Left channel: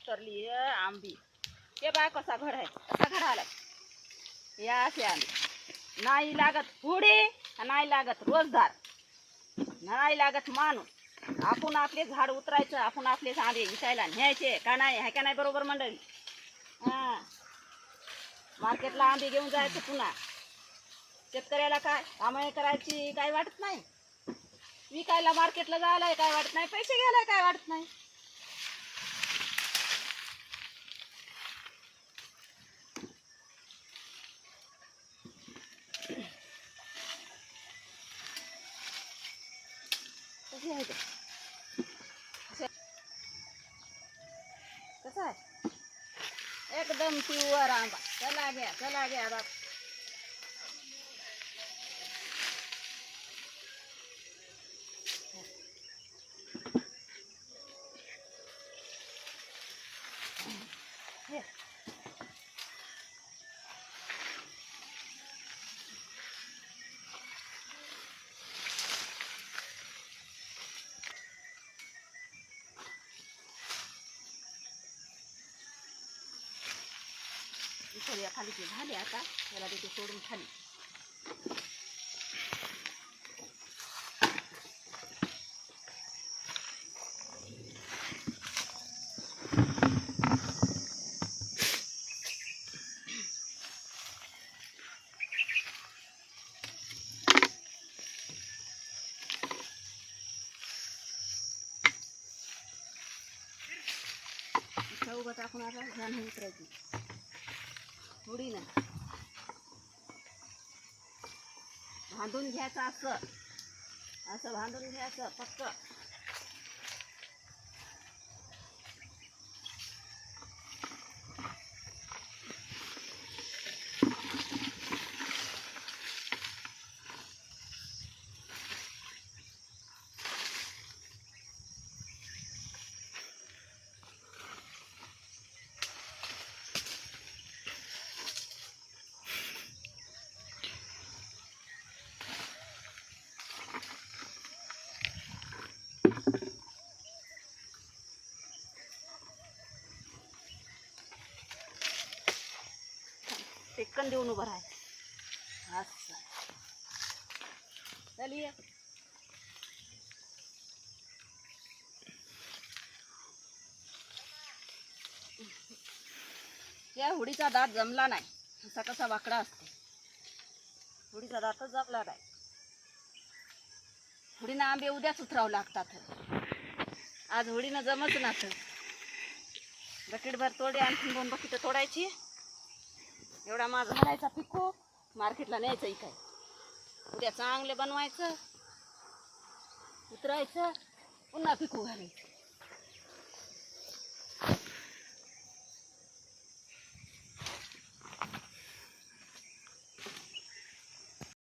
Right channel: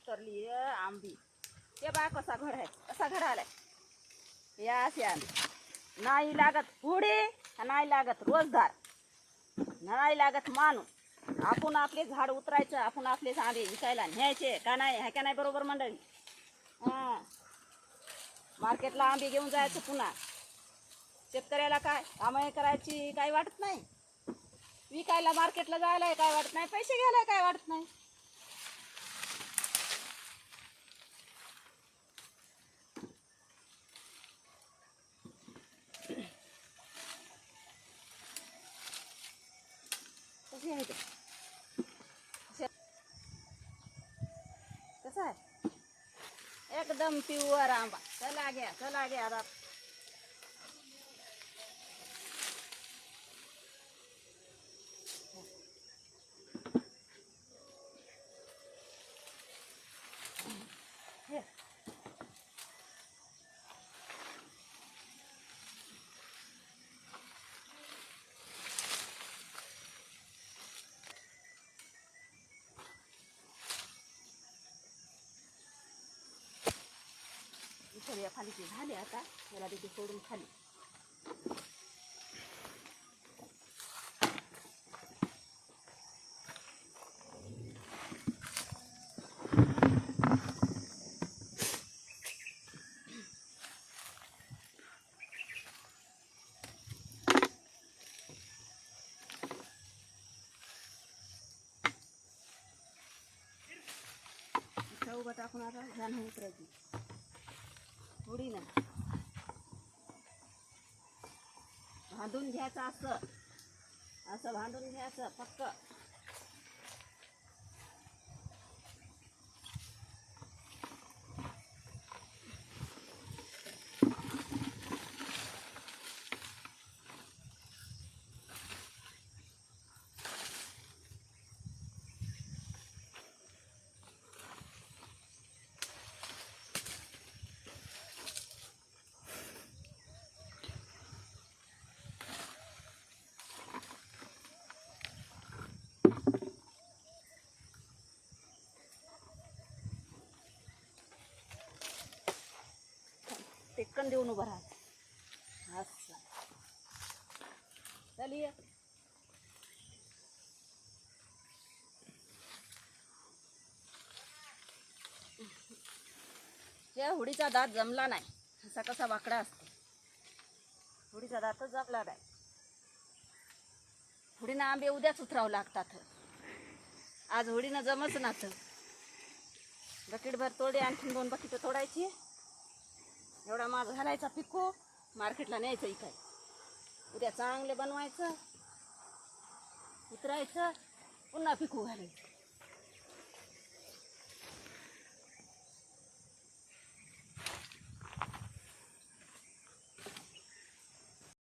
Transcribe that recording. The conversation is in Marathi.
उतरली आंबी. हे बाय कसा घड आहे, कसा घड आलाय या असे आंबे. नाही लागत पुढे, नाही लागत रोजदार, नाही लागत माणूस. आपण आपले झाड उतरायचं, आपण आपले आंबे विकायला न्यायचे का नाही, आहे का नाही बरोबर मंडळी? हां, मार्केटला आंबे घेऊन जायचं. पुन्हा शेतकऱ्याला काय कामं करायची काय वाटत नाही, विकायला मार्केटला जायला काय वाटत नाही, पैसे घ्यायला काय वाटत नाही. कशी आहे ते, कसं आहे एकदम प्युअर आंबा. चला घ्या, चला घ्या बाप. खाली ते झाले, आता याला तिथे सोडून खाली. उभं टाकून आता ध्यान उतरायची थोडी ना, बांधून घ्यायचं. असं असं बांधून घ्यायचं फक्त. टेक्कन देऊन उभं राहायचं. असं चलिए. त्या हुडीचा दात जमला नाही, असा कसा वाकडा असतो. हुडीचा दातच जमला नाही. हुडीनं आंबे उद्याच उतरावं लागतात, आज हुडीनं जमच नात. बकेटभर तोडे, आणखीन 2 बकेट तोडायची. एवढा माल घालायचा पिकू, मार्केटला न्यायचं. इथे उद्या चांगले बनवायचं, उतरायचं, पुन्हा पिकू घालायचं.